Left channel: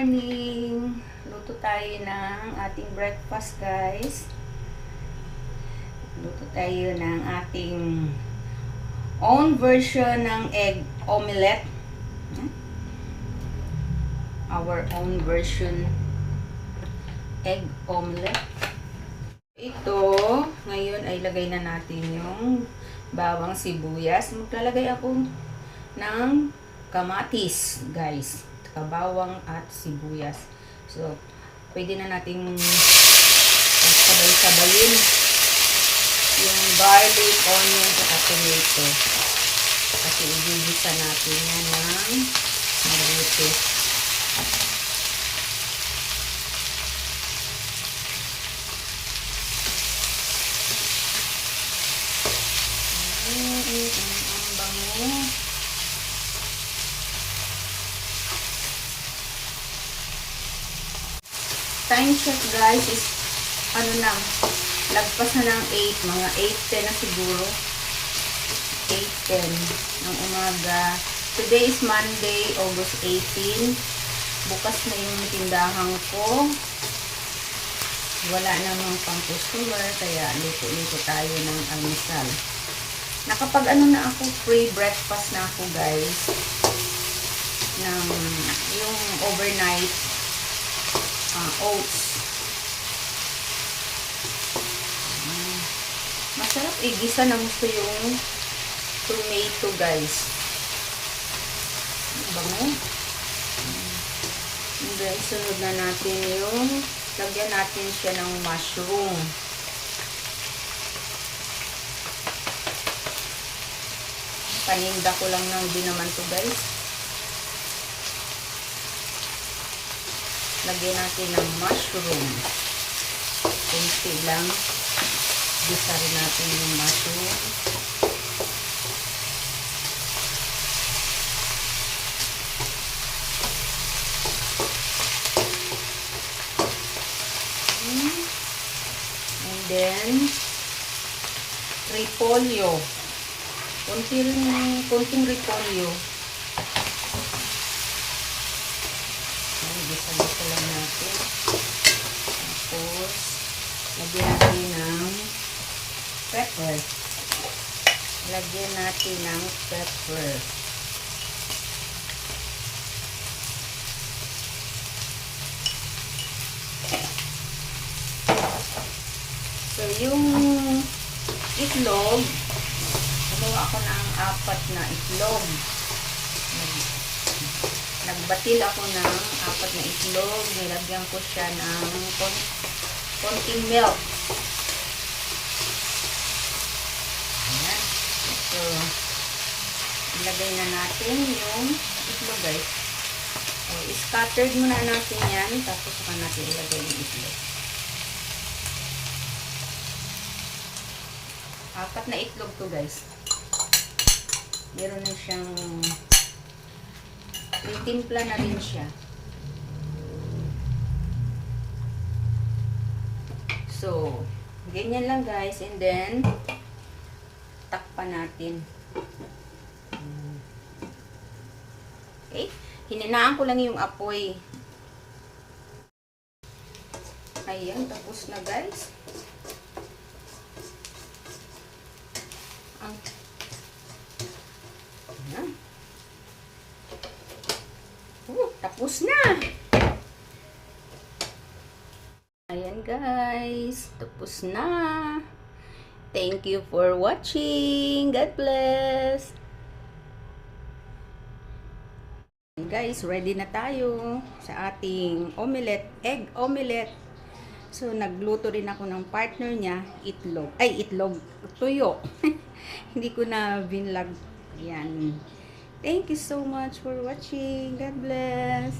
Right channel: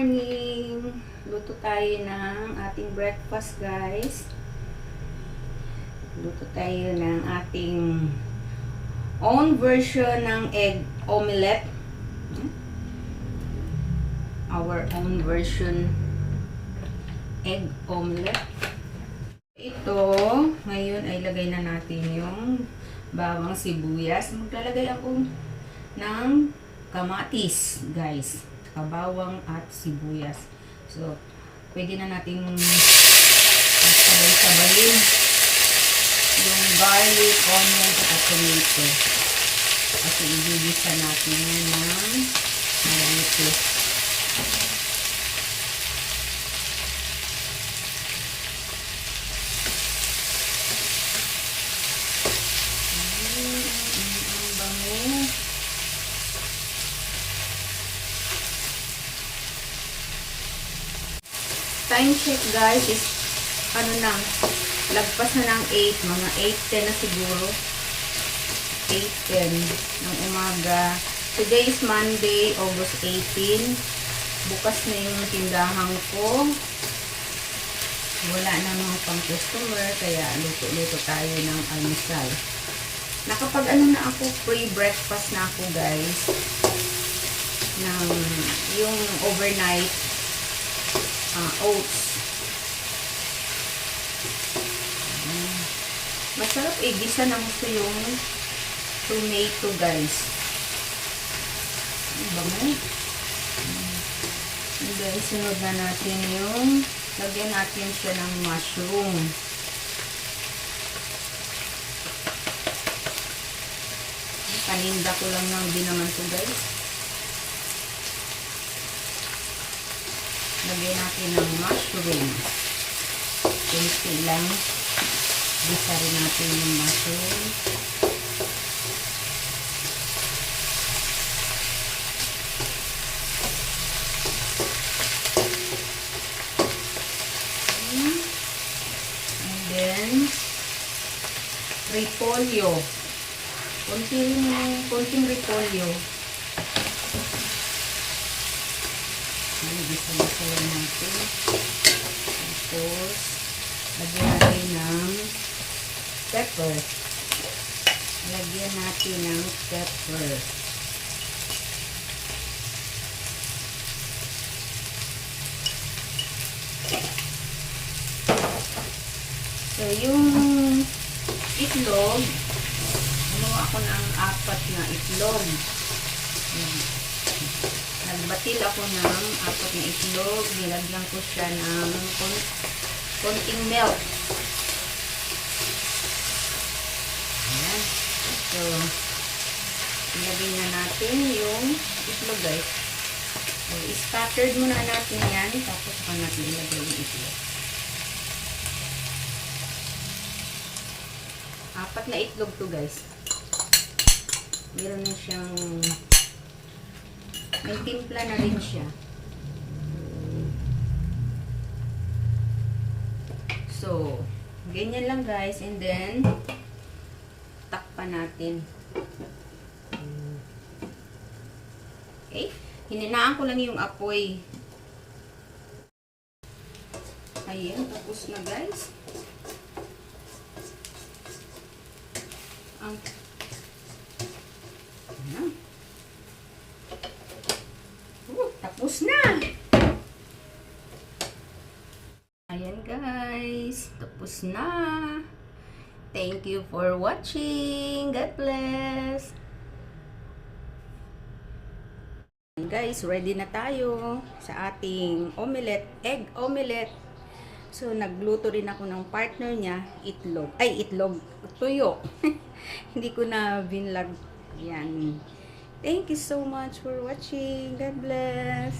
morning! Luto tayo ng ating breakfast, guys. Luto tayo ng ating own version ng egg omelette. Our own version egg omelette. Ito, ngayon ay lagay na natin yung bawang sibuyas. Maglalagay ako ng kamatis, guys. Kabawang at sibuyas. So, pwede na nating sabay-sabayin yung garlic, onion, at tomato. Kasi ibigisa natin ng ganito. Time check, guys, is lagpas na ng 8, mga 8:10 na siguro. 8:10 ng umaga. Today is Monday, August 18. Bukas na yung tindahan ko. Wala namang pang customer, kaya luto tayo ng almusal. Nakapag na ako, pre-breakfast na ako, guys. Ng yung overnight oats. Masarap igisa na gusto yung tomato, guys. Bango. And then, sunod na natin yung lagyan natin siya ng mushroom. Paninda ko lang ng di naman ito, guys. Lagyan natin ng mushroom. Kunti lang. Bisa rin natin yung mushroom. And then, repolyo. Kunting repolyo. Bisa lang natin. Tapos, lagyan natin ng pepper. Lagyan natin ng pepper. So, yung itlog, gumawa ko ng 4 na itlog. Nagbatil ako ng 4 na itlog. Nilagyan ko siya ng konting milk. Ayan. So, ilagay na natin yung itlog, guys. So, scattered muna natin yan. Tapos pa natin ilagay yung itlog. 4 na itlog to, guys. Meron na siyang may timpla na rin siya. So, ganyan lang, guys. And then, takpan natin. Okay? Hininaan ko lang yung apoy. Ayan, tapos na, guys. Tapos na. Ayan, guys. Tapos na. Thank you for watching. God bless. Guys, ready na tayo sa ating omelette, egg omelette. So, nagluto rin ako ng partner niya, itlog. Ay, itlog. Tuyo. Hindi ko na vinlog. Yan. Thank you so much for watching. God bless.